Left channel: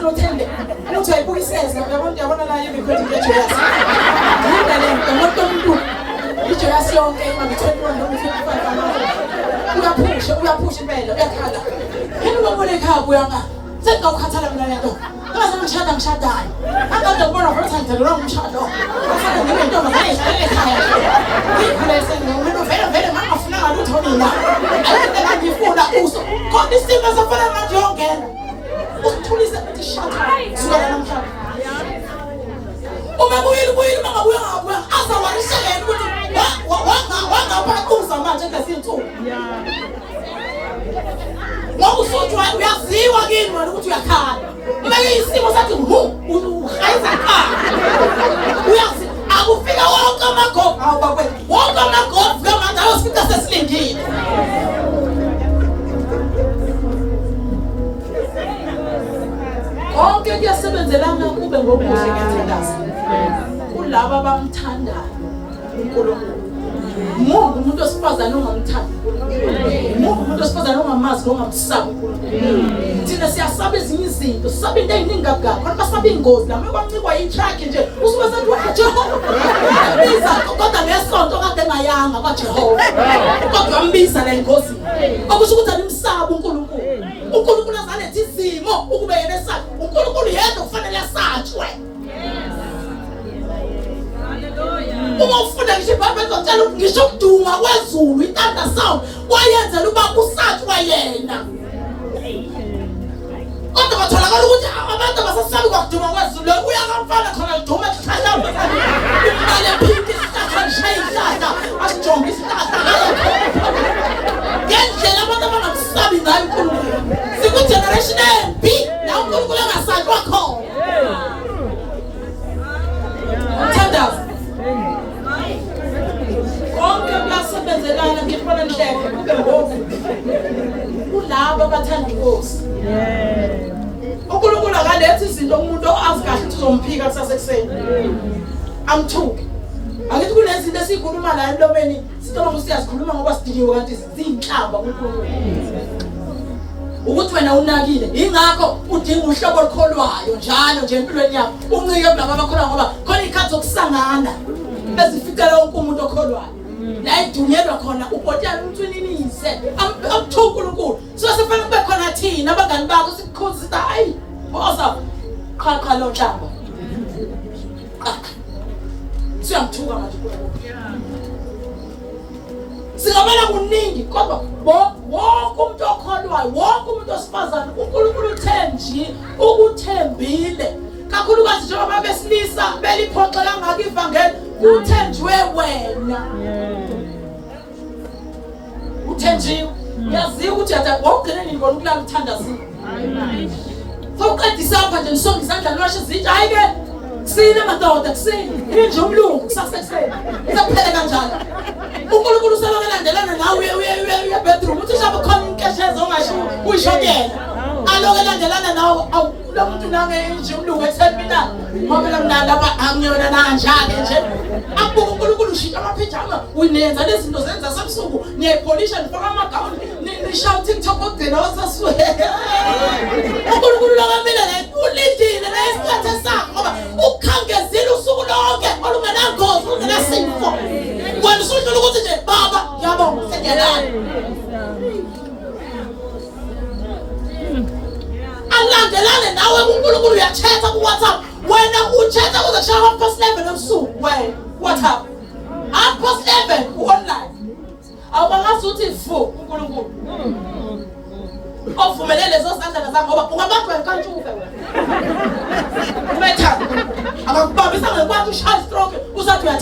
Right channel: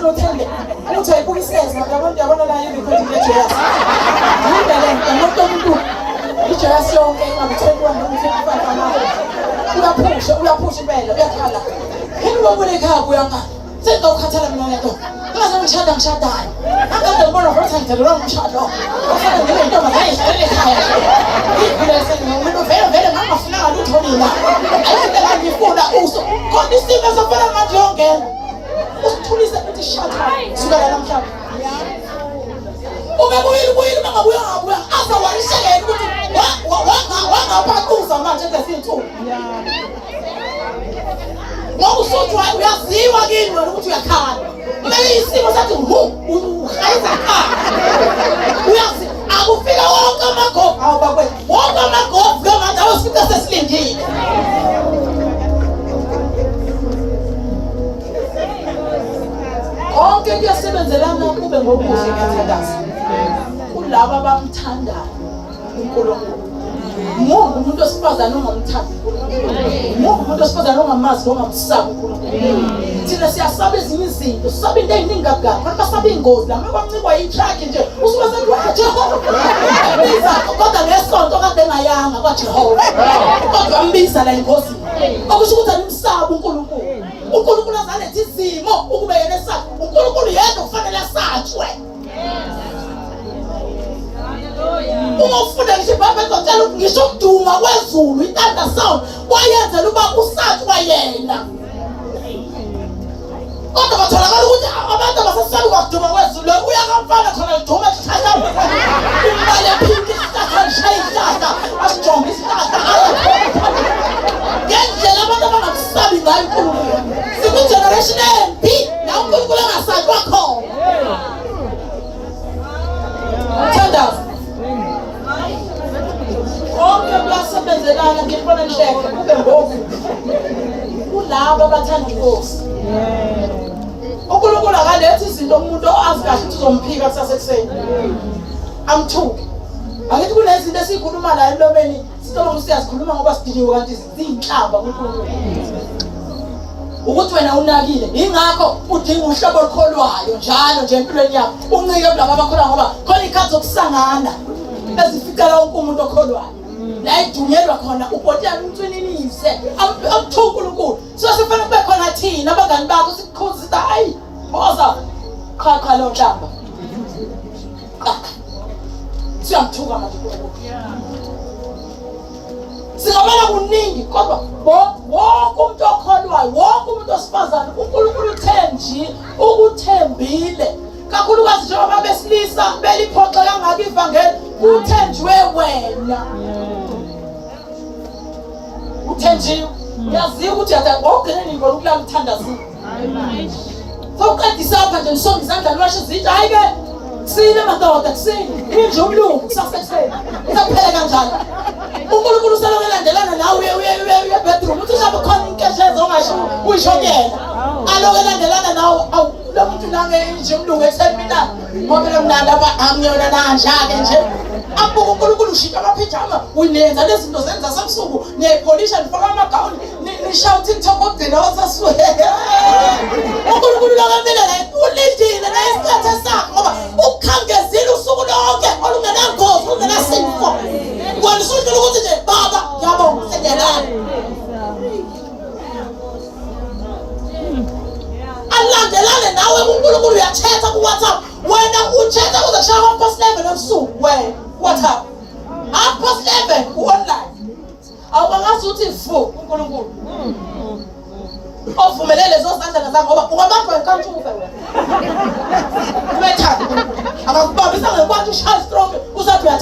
sinothembe uthi ayibukiseza yabona yabona la yini phezu kweJesu ngibele ngomuntu umuntu iJesu yonke ingabuthelwa noma uyaphusha impela uyakhala yini lo muntu ekhaya uyanga sengawukhathala mina lento ngaze ngishadayo akade ngibona ukuthi ngidalelwa umshado ngeke intombi ayishayele ekhaya ngibese ngumuntu vele ngafuna ngalutho mina ayikho ngifuna uso kodwa isimo sofana manje yongena usithulise ukuthi shada sukela namhlanje uma kuyili mangabuya azawarishekela ukuthi wangaphakuza manje ngesintu ngokusothwa uyaziwa kimi wena ukuthi uyakhala manje isimo sathi uhayiza uyazi akufika wonke amagogo awubakwethu wonke amagogo ngamanje ayosifika sesilindile konke kuyasebenzelana kube ngokuhle ngiyathandaza kulabo abamthandayo uNkulunkulu umuntu osifazana ongamthandi umuntu osifazana ongamazi ongamsabi uNkulunkulu thina siyasaba ezinye izinto sisaba into eziningi kakhulu kodwa basaba ingozi la makwancikwa yitrack nje usuke sethi waJehova biza kodwa ngesonto kade ngayanga kwaJehova kodwa wambiza la ingozi okusho ukuthi alimsaba uNkulunkulu azaletha izimo ukube yena esaba uNkulunkulu yedwa kufanele asatshwe uma ufunda ngisho iBhayibheli lotshela ukuthi ngisho ukuduma kwezulu itanda sound wayenzela uba usatshwa yena kodwa batholakala ukuthi abantu abasasaba ukuduma kwezulu uyakamfana khona liduma esihlahla imali yaphinde isihlahla lishaye isihlahla asijonge isihlahla ngendlela abantu abangakusabi ngayo uNkulunkulu siku-generation embi la uNkulunkulu angasatshwa khona thandaza konke kuyasebenzelana ngibona nhleke kube ngoku kulabo abathanda inkosi uNkulunkulu akalethi izinto umuntu azi kahle ukuthi uzomphika kusasa ekuseni amthuke akithi kunezinto esikhuluma la emlomeni sithola ukuthi siyazikhuluma ngoba sidiniwe kanti ziyinhlamba uNkulunkulu ukuthi wena unakile ingakho udinga uhlobo olukholwayo njalo nje empilweni yakho uncike kulabo abakholwa ngoba khona ikhathi zokusangana ezifikela wonke umuntu okholwayo la idunyelwa khona ubhotela umthuninise amthuka uNkulunkulu so sifanele kube khona thina abangani bakho sikukhozi hayi boza qha lo nhlamba siyamthuka manje singabona kuningi kodwa wonke umuntu okholwayo wonke umuntu osifazana uNkulunkulu uthenji ukuthembile kakhulukazi njengoba besilisa beliphoxa kangaka ivangeli uthenjiwe wena uthenjiwe uyaziwa ukuthi wawugcineni ngibona ukulala uthandazile sowuqedisa apha nje nisonga izandla niwashe izitsha hayi-ke kusile madoda kusile inje umlungu kusasekuseni isakuphele kanjalo uNkulunkulu usalokhu elandelana nawe uye bedroom uthi ushabe khona inkesheza ongasho uyishokela aloku elandelana nawe awu lo muntu nange inje umlungu esemina ngoba lo mnandi amnyona nanjake nje abuka uNkulunkulu ushintsha amaphijama uyinenza lezi zinto zenza sebusuku niyayipolisha nifaka amagawuni nishawu TikTok okudina wasaswele uNkulunkulu lokamile la ulindile la isikhathi sakho ngoba ukhangezile usuku lonke olungenangozi olungenasifo wena usudlula ukuthi nje baba ngiyabonga sengelana alandelane nawe uNkulunkulu uyachatha ku-WhatsApp wena uchatha kuze kushaya half-past 11 ebusuku wena WhatsApp half-past 11 u-online awukangazi ukuthi fu uNkulunkulu ovumelele lezo sandla zakho ngoba ungabantu wenkantshuke wena ubethanda akakubambisa ngekwathi ushaya stroke usathi